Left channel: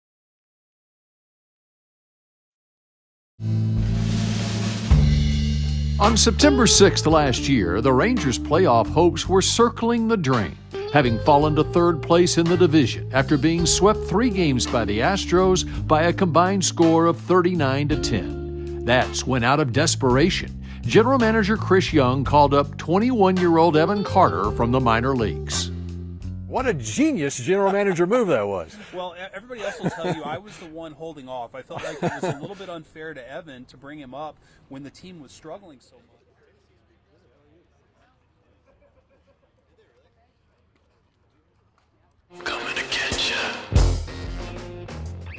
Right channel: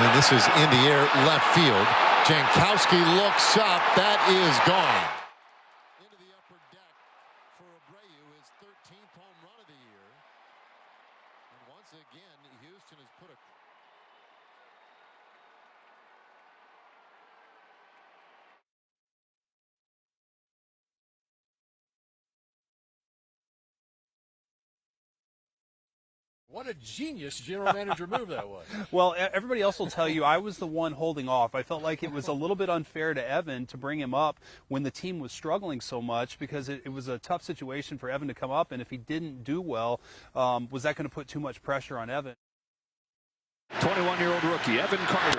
And this is in the air left field. Jankowski looks up. That is gone. On September 6th last year, the Rangers' playoff hopes were circling the drain, having fallen to third place in the division after being swept 3 games by the Astros by a combined score of 39-10. That's when, out of desperation, General Manager Chris Young called up 21-year-old Evan Carter from the minor leagues. What a genius general manager move that was. Well, everybody else will tell you I was the one holding off. I felt like it was a little bit unfair to Evan to bring him up when the team was struggling so much, because it was a tough situation for Evan to come up, and if he didn't do well, was that going to put too much pressure on Evan? Coming to get you. 21-year-old rookie Evan Carter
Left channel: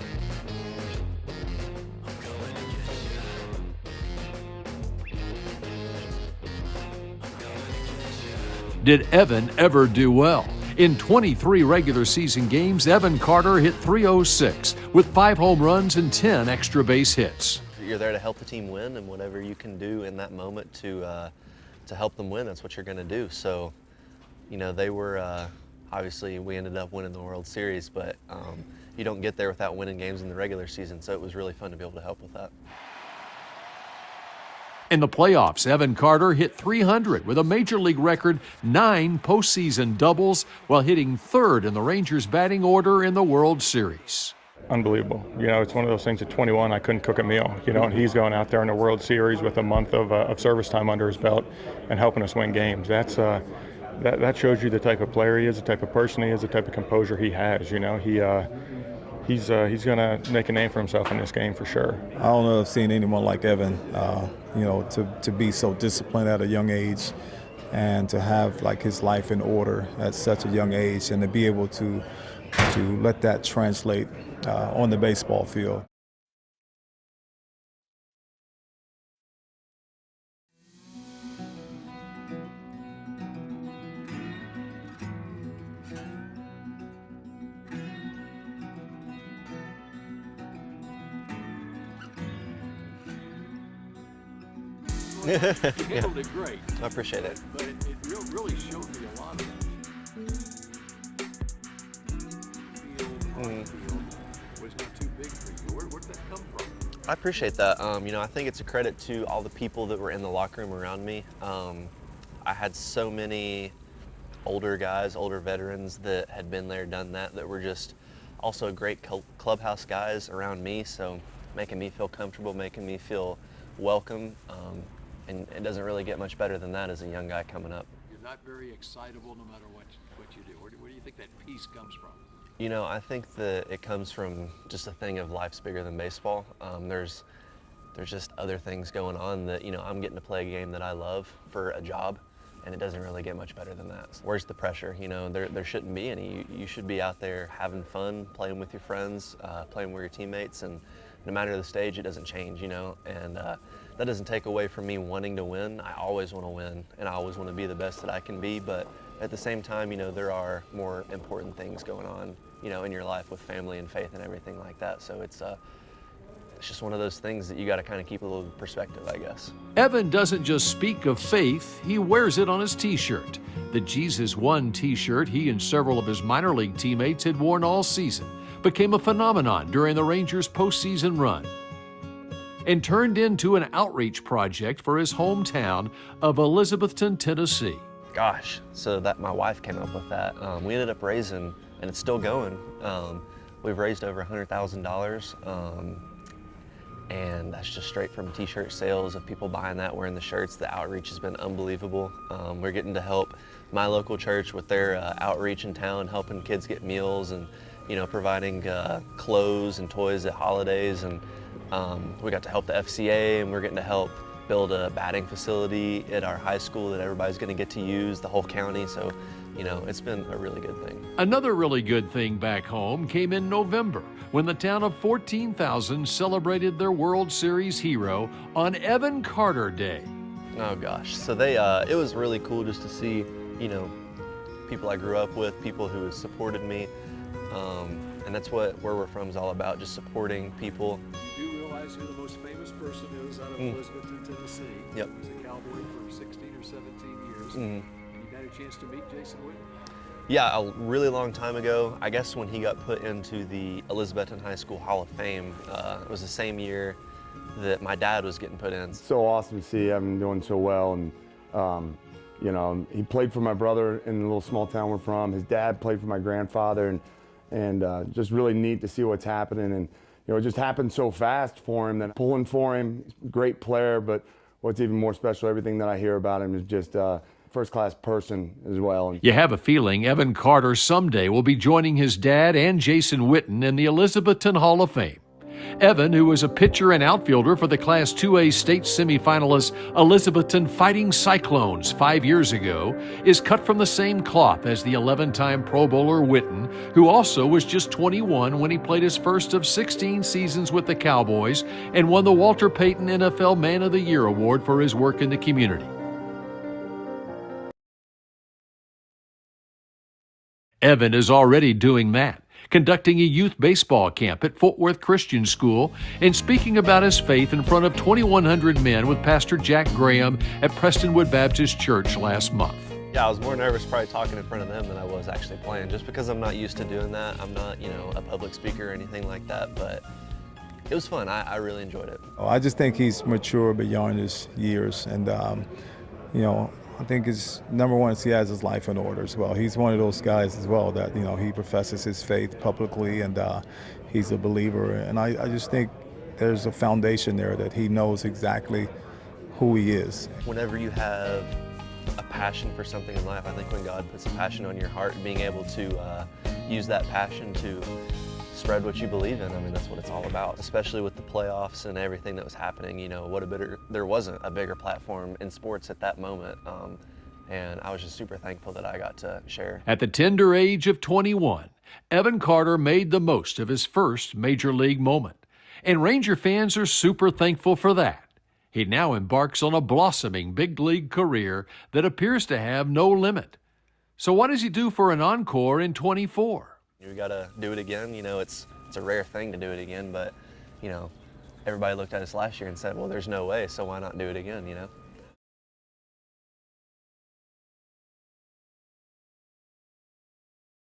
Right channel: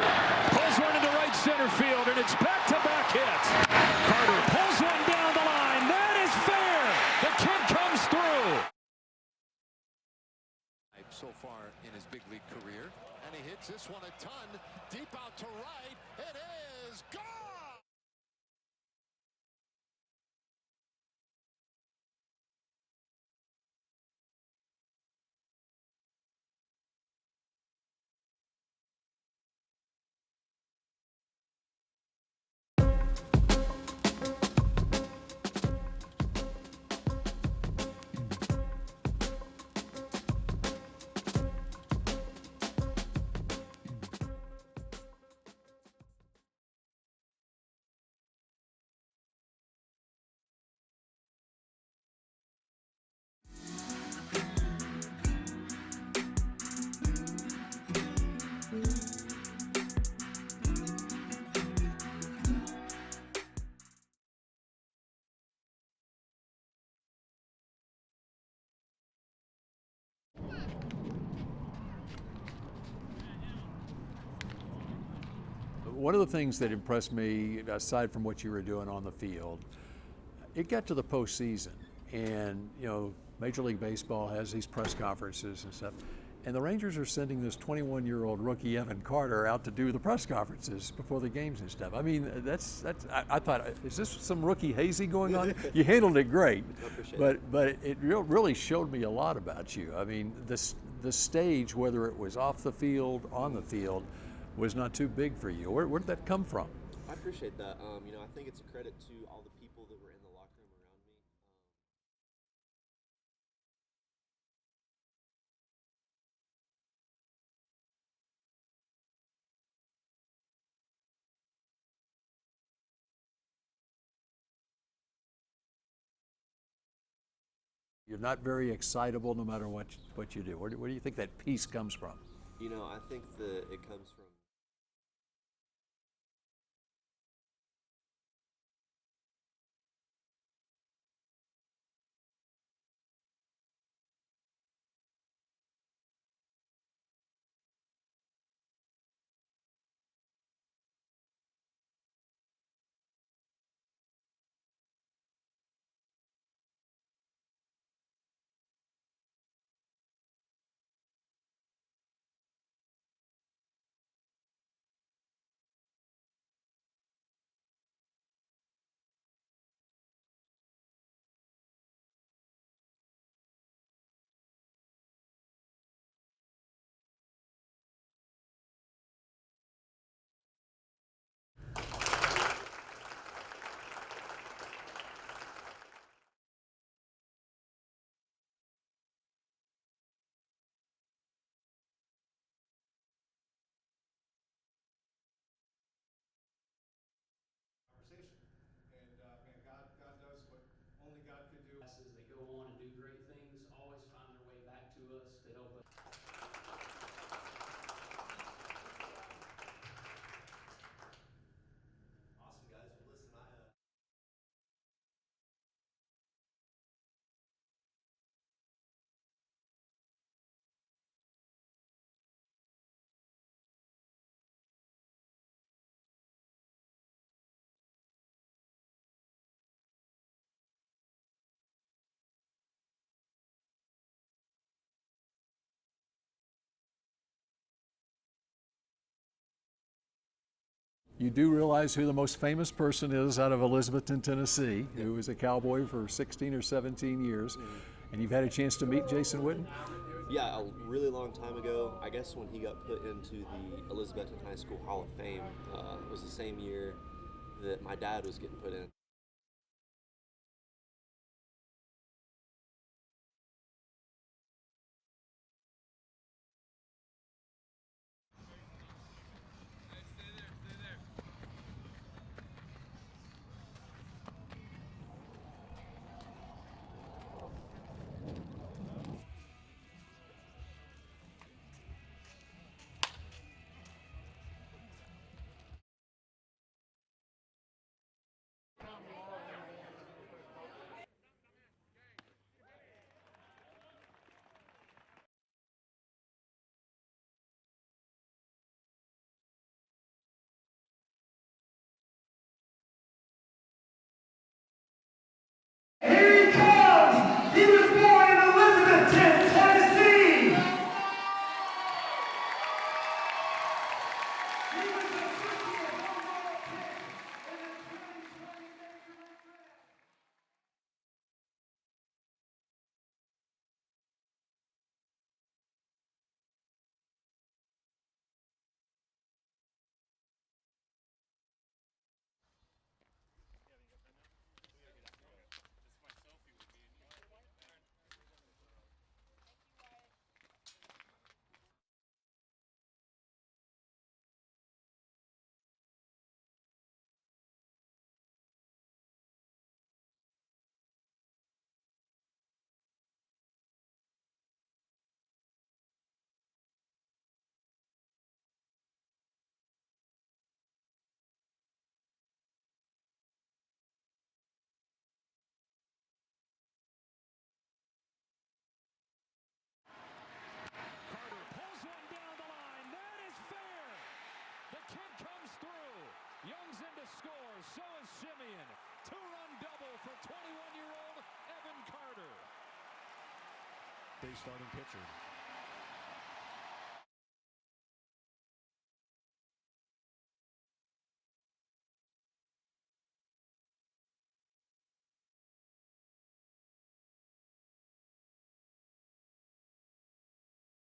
pulls one into right center field, and it's back-to-back hits. Carter pulls one down the line. That is fair. The kick comes through. Did Evan ever do well? In 23 regular season games, Evan Carter hit .306 with 5 home runs and 10 extra base hits. You're there to help the team win, and whatever you can do in that moment to help them win, that's what you're going to do. So, you know, they were obviously we ended up winning the World Series, but you don't get there without winning games in the regular season. So it was really fun to be able to help with that. In the playoffs, Evan Carter hit .300 with a major league record 9 postseason doubles while hitting 3rd in the Rangers' batting order in the World Series. Unbelievable. You know, it's one of those things at 21, I couldn't cook a meal, you know, and he's going out there in the World Series with a month of service time under his belt and helping us win games. That shows you the type of player he is, the type of person he is, the type of composure he has. You know, he's going to make a name for himself in this game for sure. I don't know if I've seen anyone like Evan, you know, to be so disciplined at a young age and to have like his life in order at such a young age, and to be able to let that translate on the baseball field. One of the things that impressed me, aside from what you were doing on the field, it got to the postseason, and you know, Major League Baseball has these press conferences and stuff, and the Rangers are sending this 21-year-old rookie Evan Carter out to do the press conferences before the games and stuff. I mean, I thought, is this some rookie hazy going on? You handled it great. I appreciate it. But it really showed me a lot about you. I mean, the stage, whether it was off the field, on the field, was not too big for you. Where did that come from? I appreciate that. You know, I think it's a credit to all the people that were in the locker room around me. I had so many older guys, older veterans that had been there, done that were just also great clubhouse guys around me, so making me feel comfortable, making me feel welcome, and it doesn't really get much better than that as a young guy coming up. You're not very excitable no matter what you do. Where do you think that peace comes from? You know, I think that it comes from just a thing of life's bigger than baseball. There's just other things going on that, you know, I'm getting to play a game that I love for a job, and it doesn't really get much better than that. Where's the pressure? You know, there shouldn't be any. You should be out there having fun, playing with your friends, playing with your teammates, and no matter the stage, it doesn't change, you know, and that doesn't take away from me wanting to win. I always want to win, and I always want to be the best that I can be, but at the same time, you know, there are more important things going on, you know, in your life with family and faith and everything like that. So it's just one of those things that you got to kind of keep a little perspective, I guess. Evan doesn't just speak of faith, he wears it on his t-shirt. The Jesus Won t-shirt he and several of his minor league teammates had worn all season became a phenomenon during the Rangers' postseason run and turned into an outreach project for his hometown of Elizabethton, Tennessee. Gosh, so that my wife came up with that. We ended up raising, and it's still going, we've raised over $100,000, and that's just straight from t-shirt sales of people buying that, wearing the shirts. The outreach has been unbelievable. We're getting to help my local church with their outreach in town, helping kids get meals and, you know, providing clothes and toys at holidays. And we got to help the FCA, and we're getting to help build a batting facility at our high school that everybody's going to get to use, the whole county. So, you know, it's been a really good thing. Another really good thing back home came in November when the town of 14,000 celebrated their World Series hero on Evan Carter Day. Oh gosh, so it was really cool just to see, you know, people I grew up with, people who supported me, and that's what Where We're From is all about, just supporting people. You do realize who the most famous person is out of Elizabethton, Tennessee, Yep. who was a Cowboy for 16 or 17 years, Mm-hmm. and you've had a chance to meet Jason Witten? Yeah, a really long time ago, I guess when he got put into the Elizabethton High School Hall of Fame, it was the same year that my dad was getting put in. So awesome to see Evan doing so well, and you know, he played for my brother in the little small town we're from. His dad played for my grandfather, and just really neat to see what's happening. And you know, it just happened so fast for him that pulling for him, great player, but what's even more special, everything that I hear about him is just first-class person as well. You have a feeling Evan Carter someday will be joining his dad and Jason Witten in the Elizabethton Hall of Fame. Evan, who was a pitcher and outfielder for the Class 2A state semifinalist Elizabethton Fighting Cyclones 5 years ago, is cut from the same cloth as the 11-time Pro Bowler Witten, who also was just 21 when he played his first of 16 seasons with the Cowboys and won the Walter Payton NFL Man of the Year award for his work in the community. Evan is already doing that, conducting a youth baseball camp at Fort Worth Christian School and speaking about his faith in front of 2,100 men with Pastor Jack Graham at Prestonwood Baptist Church last month. Yeah, I was more nervous probably talking in front of them than I was actually playing, just because I'm not used to doing that. I'm not, you know, a public speaker or anything like that, but it was fun. I really enjoyed it. I just think he's mature beyond his years, and you know, I think his number one is he has his life in order as well. He's one of those guys as well that, you know, he professes his faith publicly, and he's a believer. And I just think there's a foundation there that he knows exactly who he is. Whenever you have a passion for something in life, I think when God puts a passion on your heart, being able to use that passion to spread what you believe in, I mean, that's what it's all about, especially with the playoffs and everything that was happening. You know, there wasn't a bigger platform in sports at that moment, and I was just super thankful that I got to share. At the tender age of 21, Evan Carter made the most of his first major league moment, and Ranger fans are super thankful for that. He now embarks on a blossoming big league career that appears to have no limit. So what does he do for an encore in 24? We got to do it again. You know, it's a rare thing to do it again, but, you know, everybody looked at us last year and said, well, there's no way, so why not do it again, you know?